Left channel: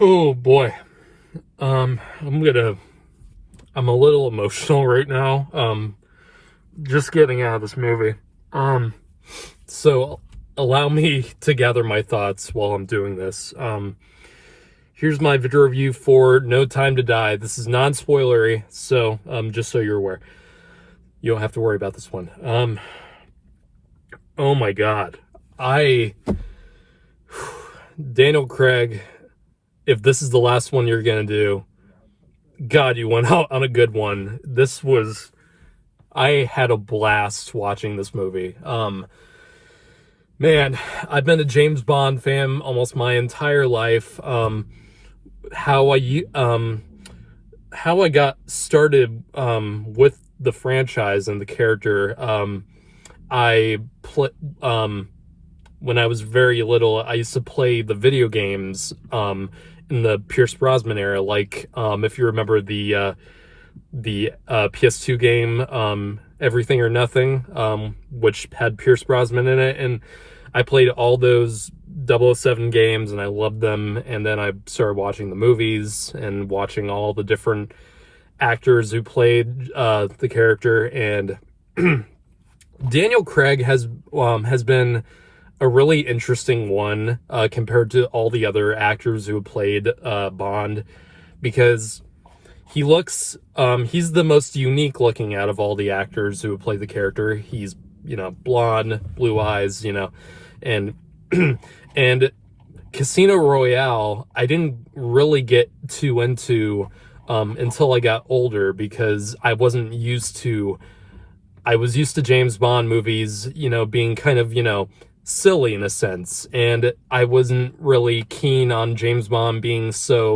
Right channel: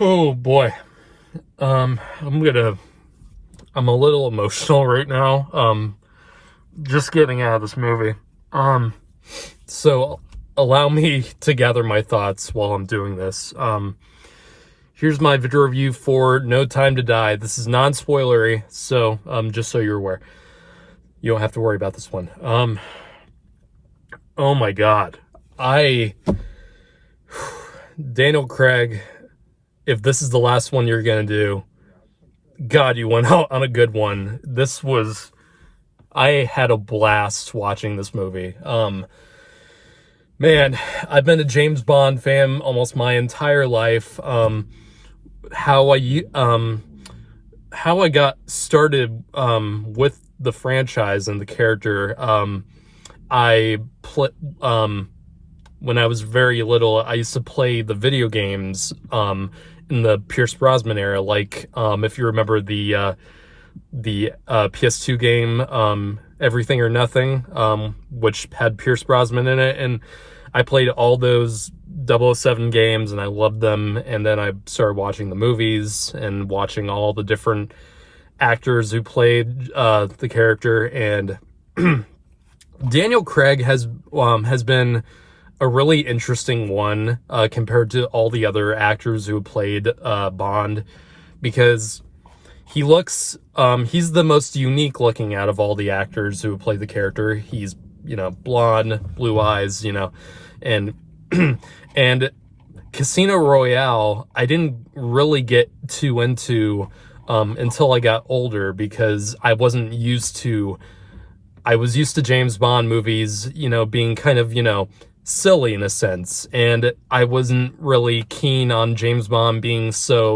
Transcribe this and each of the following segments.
Oh boy. Um, I'm gonna. I'm a little emotional right now. Just getting out of this movie. Um, so allow me to gather my thoughts while I'm doing this. Here's my video review for No Time to Die. This is non-spoilery, so just so you're aware, you don't have to worry about this one. Oh my God, Daniel Craig. If this is the last one you're gonna do, God, you went out on a good one. I had a blast watching this movie. Man, I've been a James Bond fan almost my entire life. How I got started with the franchise and the character. I pl- when I was very little, I used to play the video games in the Pierce Brosnan era. Like if you remember the PS2 game, Everything or Nothing, which had Pierce Brosnan in it, and I played all those 007 games and I loved them. And then I started watching the movies and watching all the different actors who played the character. And Daniel Craig has been a really interesting one compared to all the other actors who played Bond, because he's the most unique looking out of all the actors who play the character. He's, blonde, blue eyes, and and Casino Royale, I didn't really get too into until I got older, because I was used to James Bond movies, being kind of, silly in a sense. And I wasn't really keen on James Bond being so,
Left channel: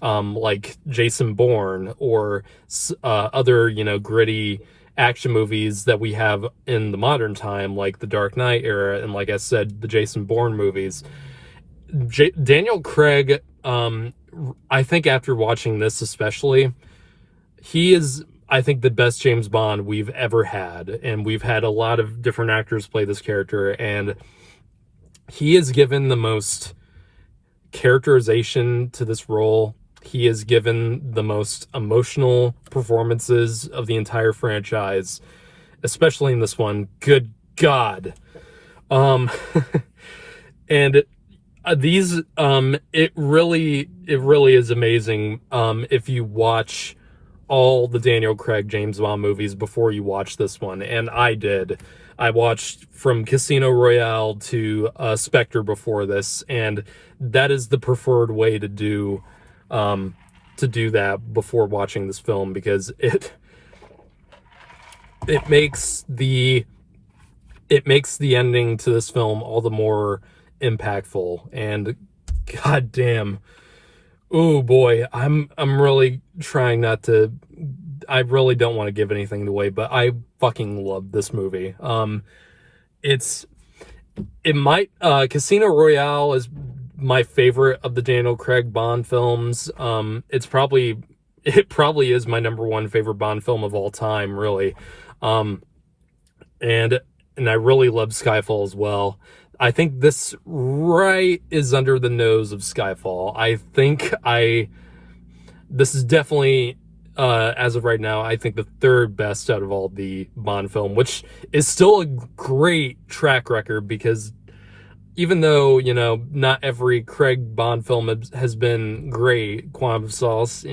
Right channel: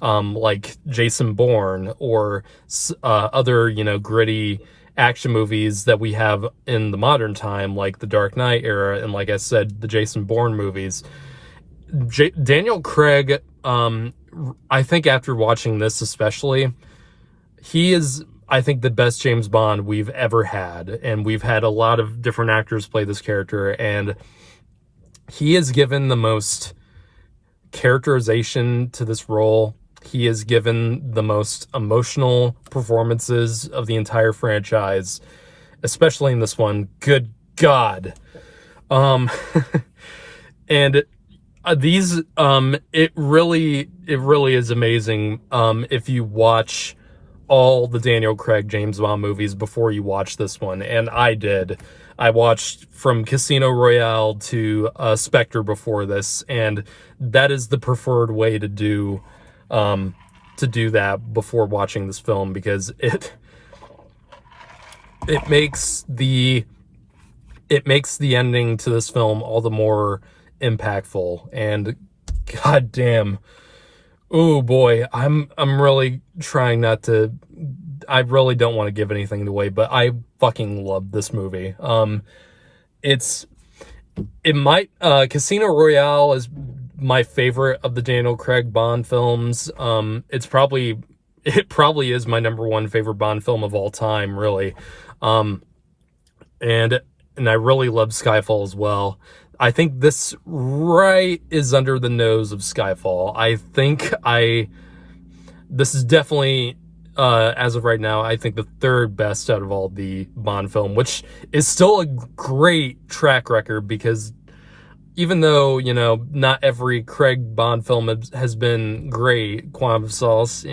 like Jason Bourne or other, gritty action movies that we have in the modern time, like the Dark Knight era, and like I said, the Jason Bourne movies. Daniel Craig, I think after watching this especially, he is, I think, the best James Bond we've ever had. And we've had a lot of different actors play this character, and he is given the most characterization to this role. He is given the most emotional performances of the entire franchise, especially in this one. Good God. And it really is amazing if you watch all the Daniel Craig James Bond movies before you watch this one. And I did. I watched from Casino Royale to Spectre before this, and that is the preferred way to do that before watching this film, because it makes the ending to this film all the more impactful. And goddamn, oh boy, I'm really trying not to. I really don't want to give anything away, but I fucking love this movie. Casino Royale is my favorite of the Daniel Craig Bond films. It probably is my number one favorite Bond film of all time, really. And I really love Skyfall as well. I think this is under the nose of Skyfall. I think this is definitely, as of right now, I think the third best out of all the Bond film, which is still a great track record, because even though, not every Craig Bond film has been great, Quantum of Solace,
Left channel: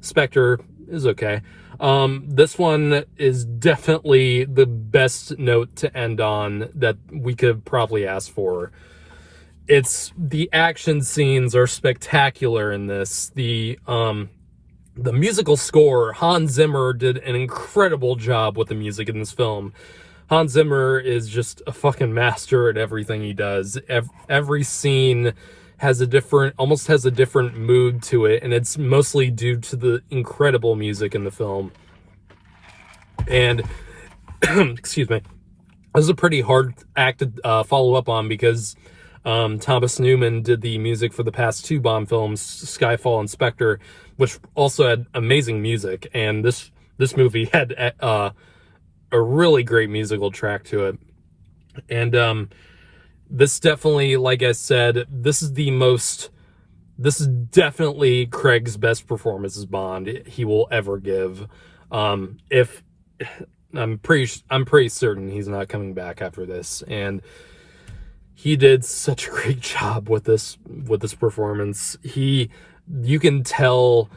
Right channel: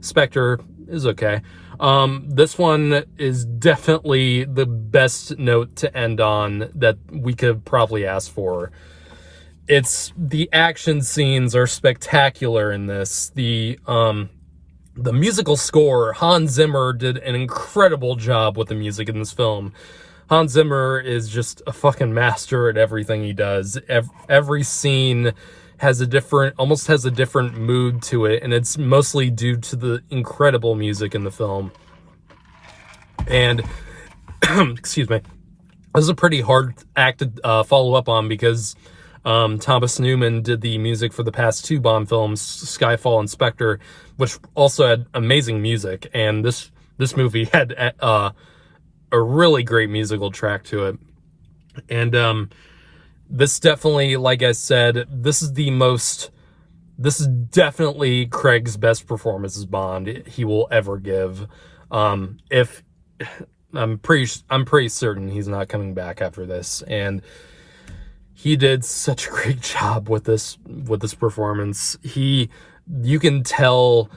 Spectre is okay. This one is definitely the best note to end on that we could probably ask for. The action scenes are spectacular in this. The musical score, Hans Zimmer did an incredible job with the music in this film. Hans Zimmer is just a fucking master at everything he does. Every scene almost has a different mood to it, and it's mostly due to the incredible music in the film. And excuse me, this is a pretty hard act to follow up on, because Thomas Newman did the music for the past two Bond films, Skyfall and Spectre, which also had amazing music. And this movie had a really great musical track to it. And this definitely, like I said, this is the most this is definitely Craig's best performance as Bond he will ever give. If I'm pretty certain he's not coming back after this, and he did such a great job with this performance. You can tell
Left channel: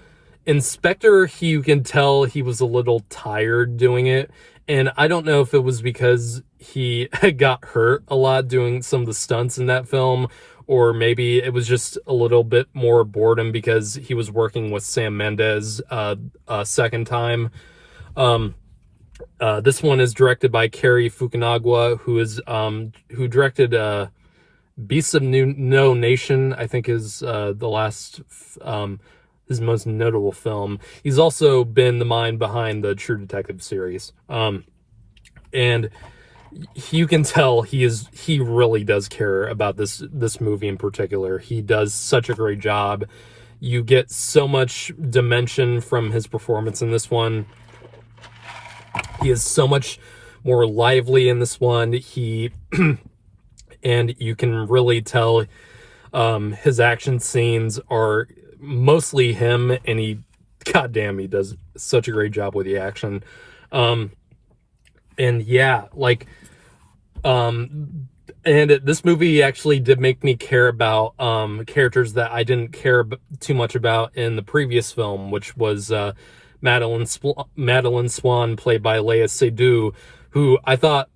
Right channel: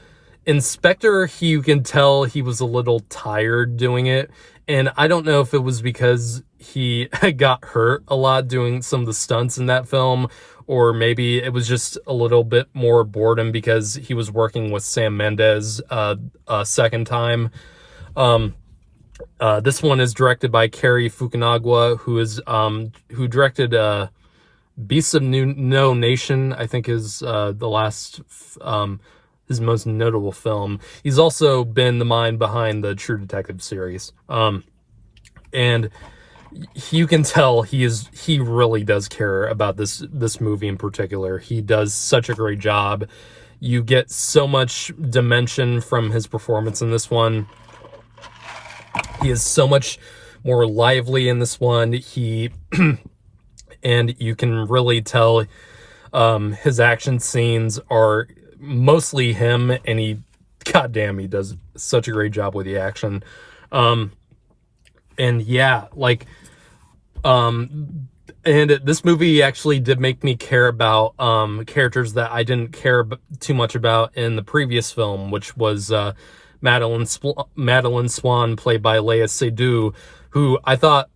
Inspector, you can tell he was a little tired doing it, and I don't know if it was because he got hurt a lot doing some of the stunts in that film, or maybe it was just a little bit more boredom because he was working with Sam Mendes a second time. This one is directed by Cary Fukunaga, who directed Beasts of No Nation, I think is the last his most notable film. He's also been the mind behind the True Detective series. And you can tell he really does care about this movie in particular. He does such a great job. You get so much dimension from his performance in this one. He is so much more lively in this one. And you can really tell his action scenes are mostly him, and goddamn, he does such a great job with the action. And yeah, like, and this movie actually did make me care about characters that I didn't care too much about in the previous film, which was Madeleine Swann, played by Lea Seydoux, who I thought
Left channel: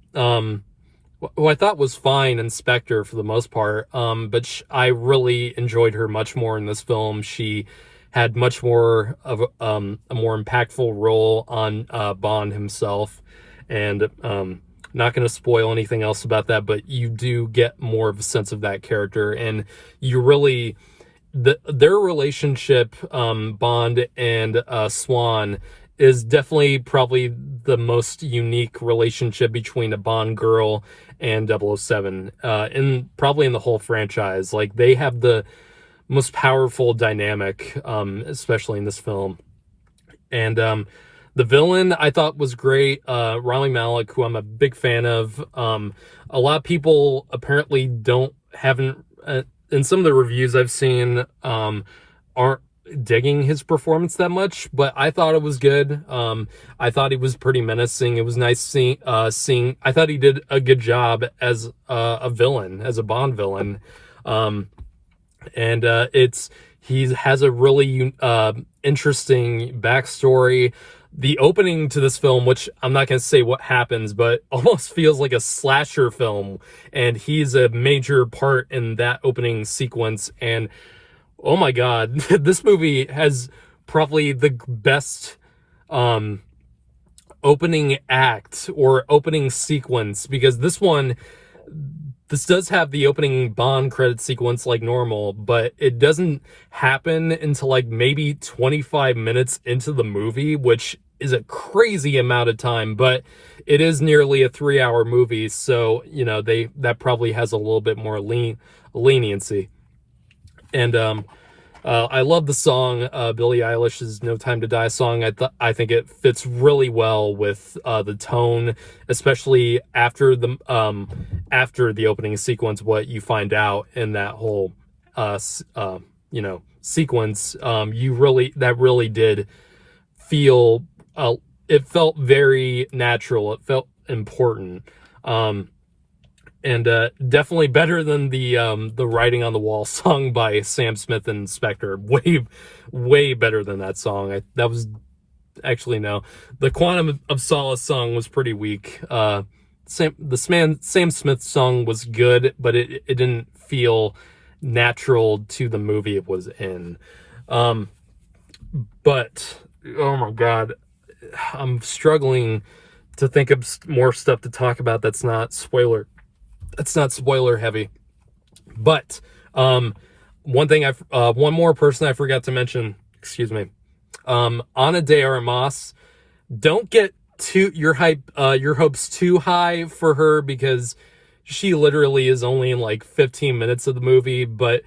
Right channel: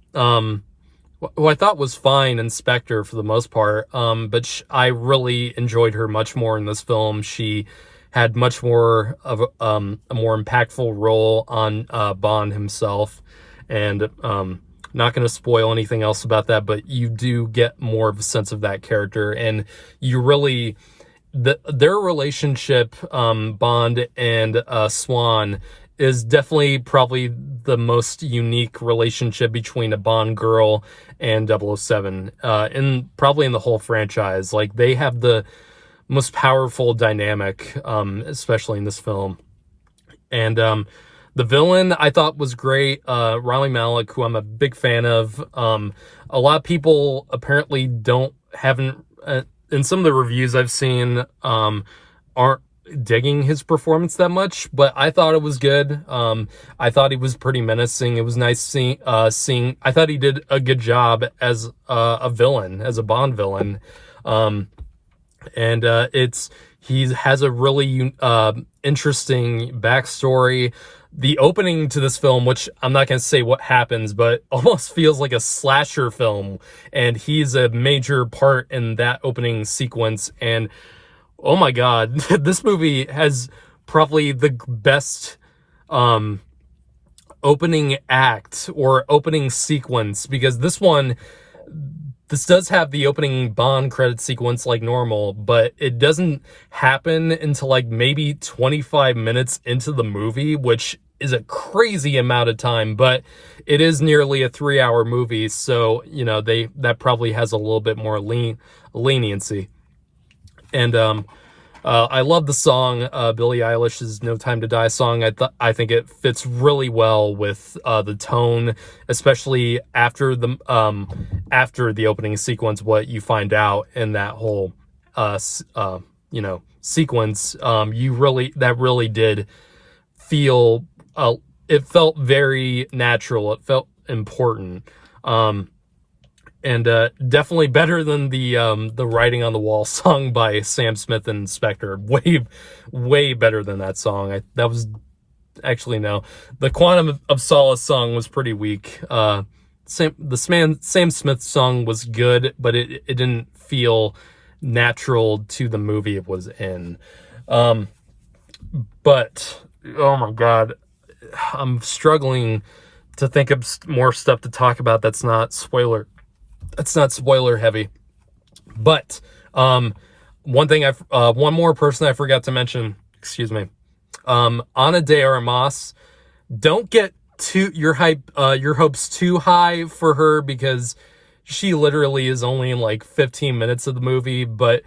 was fine Inspector for the most part, but I really enjoyed her much more in this film. She had much more of a more impactful role on Bond himself, and not going to spoil anything else about that, but you do get more of a sense of that character, and you really their relationship, Bond and Swan, is definitely probably the most unique relationship between a Bond girl and 007, probably in the whole franchise. Like, they have the most powerful dynamic, especially in this film. And the villain I thought was great. Rami Malik, who I'm a big fan of. A lot of people apparently haven't in some of the reviews I've seen, aren't digging his performance that much, but I thought it was good. I thought he was pretty menacing. It was nice seeing. I thought he did a good job as a villain, as a Bond villain. And he has a really interesting backstory. The opening to this film, which I'm not going to say what happens, but almost feels like a slasher film, and he's a major part in that opening sequence. And oh my god, this movie has probably the best opening act or opening sequence, because this does have the opening Bond credit sequence like normal, but it doesn't happen until like maybe 25 minutes into the movie, which is a crazy amount of time, but it is nearly a 3-hour movie, so, you know, that probably has a little bit more leniency. And I love the song, Billie Eilish's No Time to Die song. I think it fits really well with the tone, especially after the opening sequence. What you find out in that whole sequence, that really did feel. It felt very natural. It felt important. And definitely better than the Writing on the Wall song by Sam Smith and Spectre. Way better than that song. The Quantum of Solace song was pretty weak. Sam Smith song was good, but it didn't feel natural to the movie it was in. But oh my god, I'm struggling to think of more stuff to talk about that's not spoiler heavy. But one more person I forgot to mention, excuse me, Ana de Armas. Don't get your hopes too high for her, because she literally is only in like 15 minutes of the movie, but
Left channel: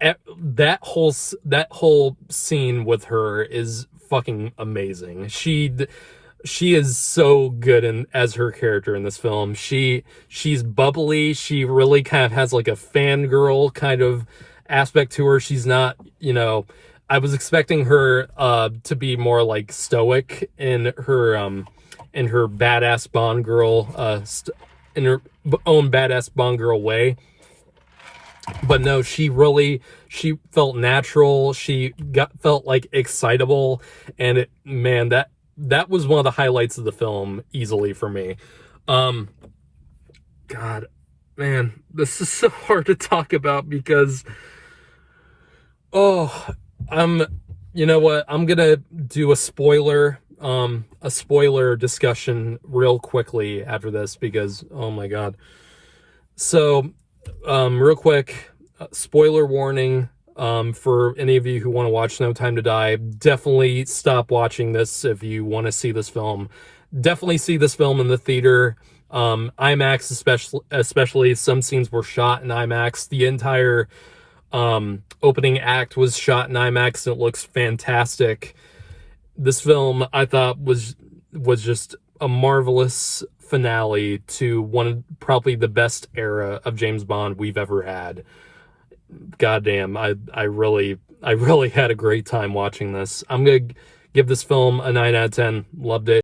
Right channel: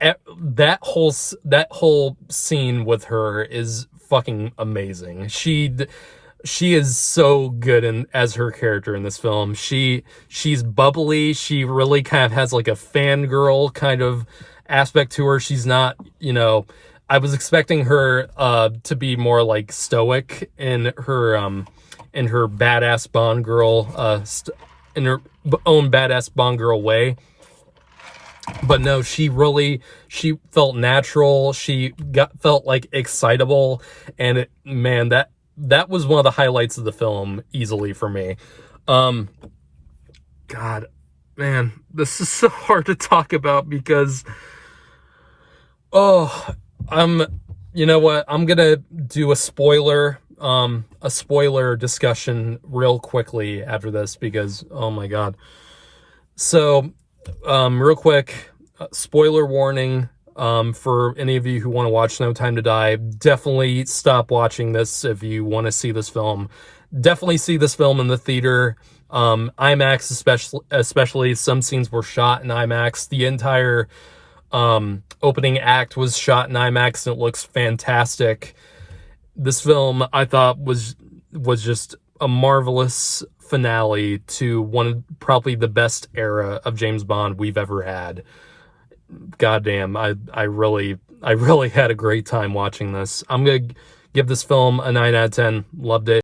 that whole scene with her is fucking amazing. She is so good as her character in this film. She's bubbly. She really kind of has like a fangirl kind of aspect to her. She's not, I was expecting her to be more like stoic in her badass Bond girl in her own badass Bond girl way. But no, she felt natural. She felt like excitable, and that was one of the highlights of the film easily for me. God, man, this is so hard to talk about because, you know what? I'm gonna do a spoiler discussion real quickly after this because, oh my God. So, real quick, spoiler warning, for any of you who want to watch No Time to Die, definitely stop watching this if you want to see this film. Definitely see this film in the theater. IMAX especially, some scenes were shot in IMAX. The entire opening act was shot in IMAX, and it looks fantastic. This film, I thought, was just a marvelous finale to one of probably the best era of James Bond we've ever had. Goddamn, I really had a great time watching this. I'm gonna give this film a 9 out of 10. Loved it.